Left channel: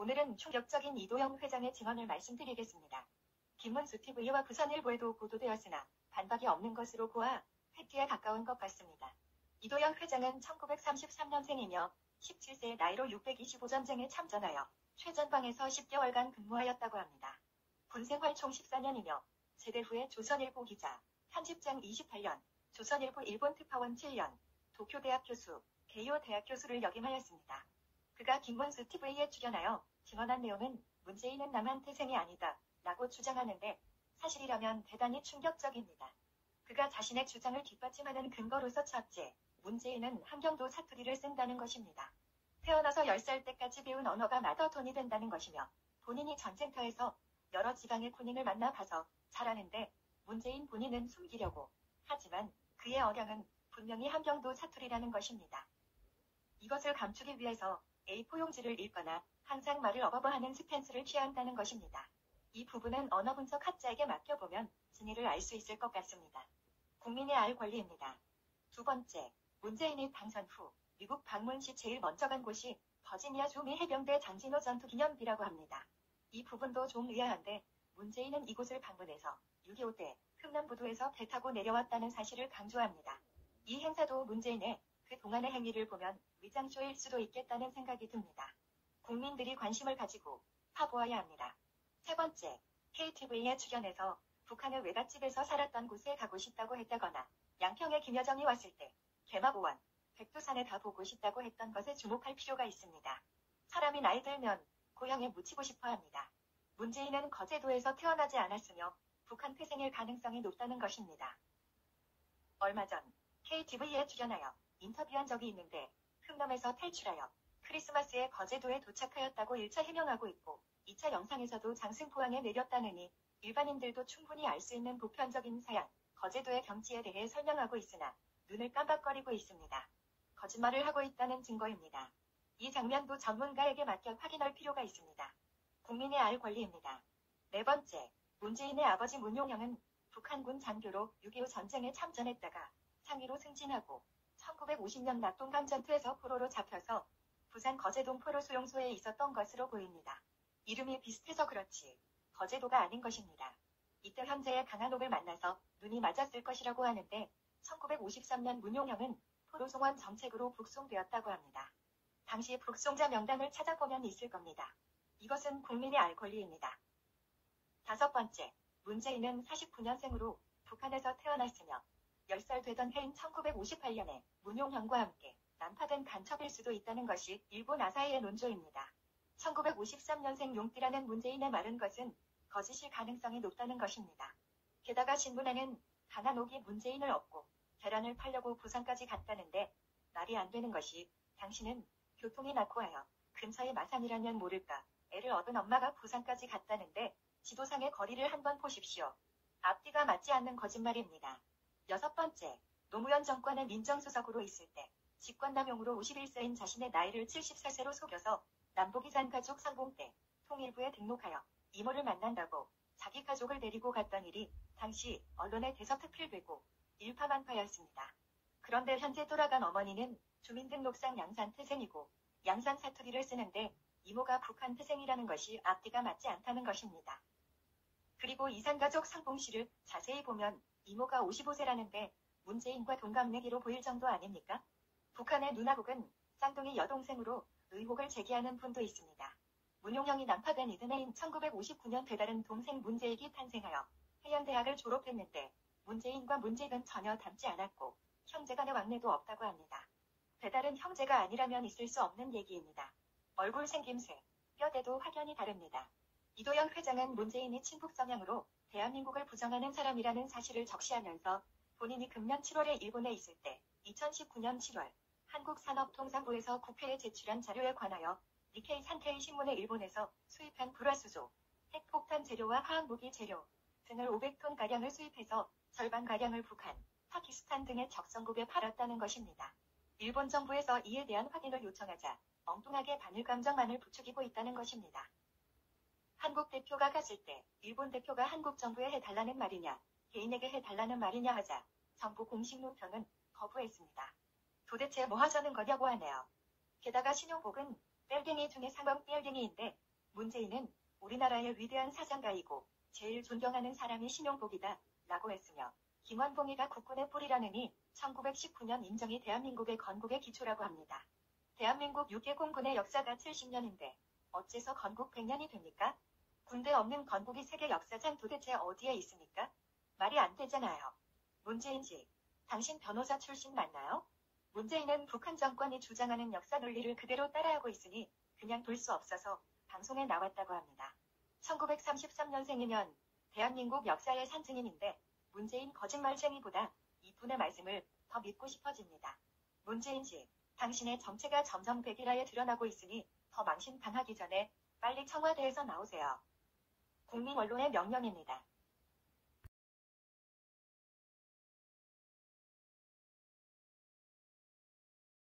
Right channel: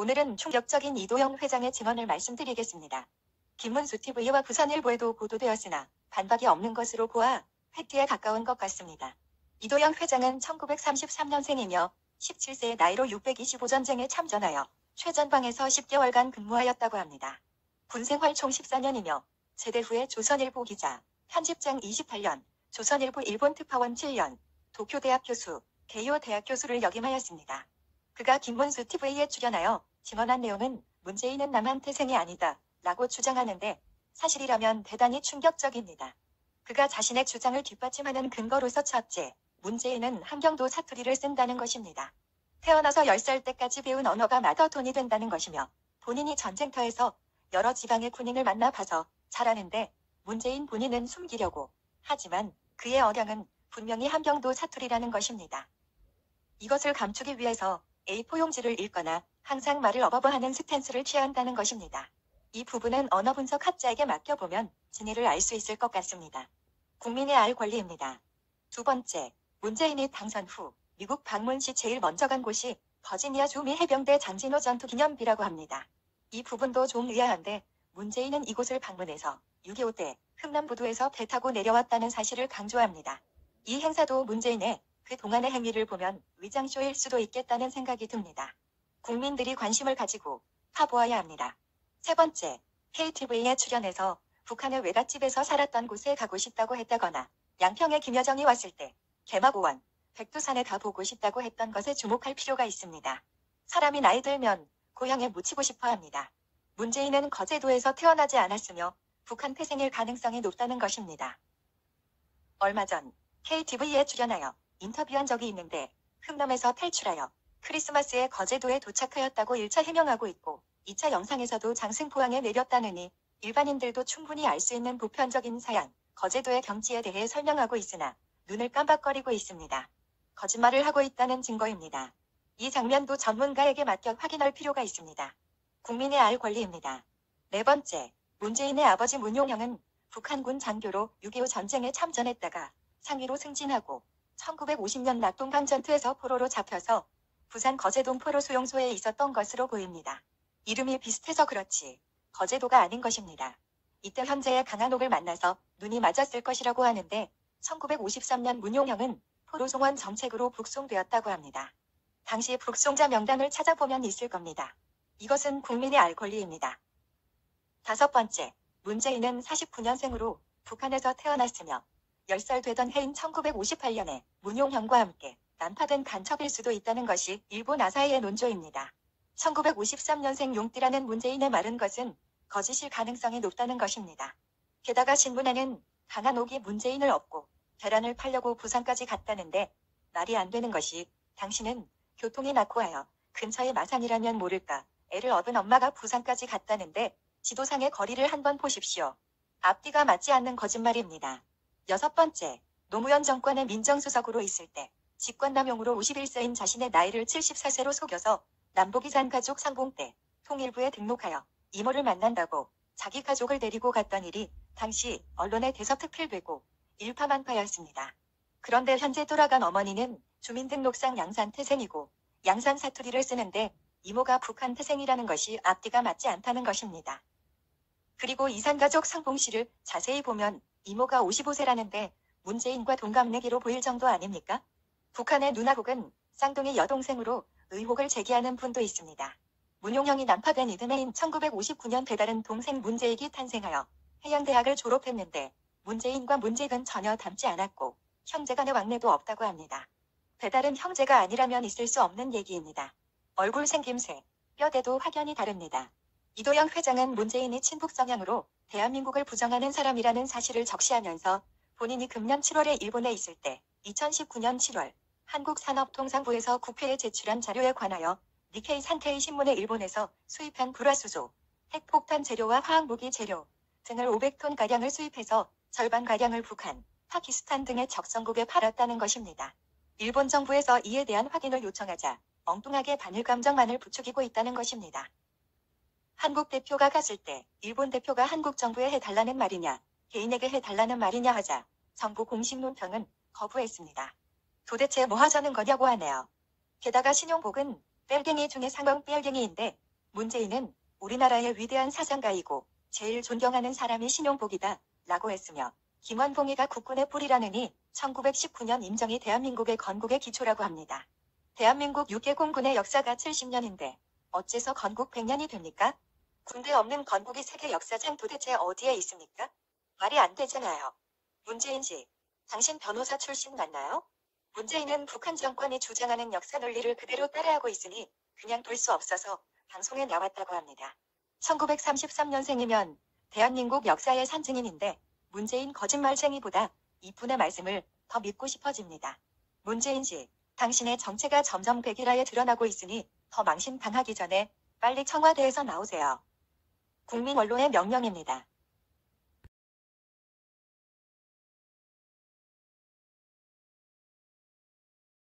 오늘은 충격적인 이도영 회장의 증언을 말씀드리겠습니다. 김문수 TV와 부산일보에도 보도되었으나 반박이 없는 것으로 보아 팩트에 가까운 것 같습니다. 이도영 회장은 1933년생이며 17세의 나이로 625 전쟁에 참전하여 최전방에서 10개월간 근무하였다고 합니다. 군생활 총 14년이며 제대 후에 조선일보 기자, 편집장 28년, 조선일보 일본 특파원 7년, 도쿄대학 교수, 개요 대학 교수를 역임하였습니다. 그가 김문수 TV에 출연하여 증언한 내용은 문재인은 남한 태생이 아니다 라고 주장하는데 사실이라면 대단히 충격적입니다. 그가 자신의 주장을 뒷받침하는 근거로서 첫째, 문재인은 함경도 사투리를 쓴다는 것입니다. 태어나서 10살 때까지 배운 언어가 마더톤이 된다는 것이며 본인이 전쟁터에서 여러 지방의 군인을 만나봐서 잘 아는데 문재인 본인은 숨기려고 하지만 그의 억양은 분명히 함경도 사투리라는 것입니다. 이것을 감추기 위해서 A4 용지를 읽거나 항상 말을 어버버하는 스탠스를 취한다는 것입니다. 이 부분은 언어 분석 학자에게 맡겨보면 진위를 알 수 있을 것 같습니다. 국민의 알 권리입니다. 두 번째, 문재인이 당선 후 미국 방문 시 제일 먼저 간 곳이 버지니아 주미 해병대 장진호 전투 기념비라고 합니다. 이 부분도 좀 의아한데 문재인은 이곳을 방문해서 6.25 때 흥남부두에서 배 타고 내려왔다는 사실을 강조합니다. 이 행사도 문재인의 그 동안의 행위를 보면 위장쇼일 수도 있겠다는 생각이 듭니다. 국민들이 관심을 가지고 파보아야 합니다. 세 번째, KTV에 출연해서 북한의 외갓집에서 살았던 곳에 가고 싶다고 했다거나 양평에 김여정이 왔을 때 개마고원, 백두산에 가보고 싶다고 했던 것에 주목할 필요가 있습니다. 사람이 나이 들면 고향에 묻히고 싶어 합니다. 문재인은 거제도에서 태어나지 않았으며 북한 태생일 가능성이 높다는 것입니다. 얼마 전 KTV에 출연하여 인터뷰한 적이 있는데 흥남에서 탈출하여 크리스마스에 거제도에 도착하였다고 1차 해명하고 있고 2차 영상에서도 장승포항에 내렸다느니 일반인들도 충분히 알 수 있는 보편적인 사양, 거제도의 경치에 대해 설명하고 있으나 눈을 깜박거리고 있습니다. 거짓말을 하고 있다는 증거입니다. 이 장면도 전문가에게 맡겨 확인할 필요가 있습니다. 국민의 알 권리입니다. 네 번째, 문재인의 아버지 문용형은 북한군 장교로 6.25 전쟁에 참전했다가 상위로 승진하고 1950년 낙동강 전투에서 포로로 잡혀서 부산 거제동 포로 수용소에 있었던 것으로 보입니다. 이름이 비슷해서 그렇지 거제도가 아닌 것입니다. 이때 현재의 강한옥을 만나서 눈이 맞았을 것이라고 하는데 1953년 문용형은 포로송환 정책으로 북송되었다고 합니다. 당시 북송자 명단을 찾아보면 있을 겁니다. 이것은 국민의 알 권리입니다. 다섯 번째, 문재인은 49년생으로 북한에서 태어났으며 10살 되던 해인 1958년에 문용형과 함께 난파된 간첩일 수도 있다는 것이 일본 아사히의 논조입니다. 1953년생 용띠라는 문재인의 말은 것은 거짓일 가능성이 높다는 것입니다. 게다가 신문에는 강한옥이 문재인을 업고 계란을 팔려고 부산까지 갔다는데 말이 안 되는 것이 당신은 교통이 나고 하여 근처의 마산이라면 모를까 애를 업은 엄마가 부산까지 갔다는데 지도상의 거리를 한번 보십시오. 앞뒤가 맞지 않는 거짓말입니다. 여섯 번째, 노무현 정권의 민정수석으로 있을 때 직권남용으로 51세인 자신의 나이를 74세로 속여서 남북이산 가족 상봉 때 통일부에 등록하여 이모를 만난다고 자기 가족을 데리고 갔던 일이 당시 언론에 대서특필되고 일파만파였습니다. 그런데 현재 돌아간 어머니는 주민등록상 양산 태생이고 양산 사투리를 쓰는데 이모가 북한 태생이라는 것이 앞뒤가 맞지 않다는 것입니다. 그리고 이산가족 상봉씨를 자세히 보면 이모가 55세라는데 문재인과 동갑내기로 보일 정도 아닙니까? 북한의 누나 혹은 쌍둥이 여동생으로 의혹을 제기하는 분도 있습니다. 문용형이 난파된 이듬해인 1959년 배다른 동생 문재익이 탄생하여 해양대학을 졸업했는데 문재인과 문재익은 전혀 닮지 않았고 형제간의 왕래도 없다고 합니다. 배다른 형제가 아니라면 있을 수 없는 얘기입니다. 얼굴 생김새, 뼈대도 확연히 다릅니다. 이도영 회장은 문재인이 친북 성향으로 대한민국을 부정하는 사람이라는 사실을 적시하면서 본인이 금년 7월에 일본에 있을 때 2019년 7월 한국산업통상부에서 국회에 제출한 자료에 관하여 니케이 산케이 신문에 일본에서 수입한 불화수소, 핵폭탄 재료와 화학무기 재료 등을 500톤가량을 수입해서 절반가량을 북한, 파키스탄 등의 적성국에 팔았다는 것입니다. 일본 정부에서 이에 대한 확인을 요청하자 엉뚱하게 반일 감정만을 부추기고 있다는 것입니다. 한국 대표가 갔을 때 일본 대표가 한국 정부에 해달라는 말이냐, 개인에게 해달라는 말이냐 하자 정부 공식 논평은 거부했습니다. 도대체 뭐 하자는 거냐고 하네요. 게다가 신용복은 뺄갱이 중에 상형 뺄갱이인데 문재인은 우리나라의 위대한 사상가이고 제일 존경하는 사람이 신용복이다 라고 했으며 김원봉이가 국군의 뿌리라느니 1919년 임정이 대한민국의 건국의 기초라고 합니다. 대한민국 6개 공군의 역사가 70년인데 어째서 건국 100년이 됩니까? 군대 없는 건국이 세계 역사상 도대체 어디에 있습니까? 말이 안 되잖아요. 문재인 씨, 당신 변호사 출신 맞나요? 문재인은 북한 정권이 주장하는 역사 논리를 그대로 따라하고 있으니 그냥 둘 수 없어서 방송에 나왔다고 합니다. 1933년생이면 대한민국 역사의 산증인인데 문재인 거짓말쟁이보다 이분의 말씀을 더 믿고 싶어집니다. 문재인 씨, 당신의 정체가 점점 백일화에 드러나고 있으니 더 망신당하기 전에 빨리 청와대에서 나오세요. 국민 언론의 명령입니다.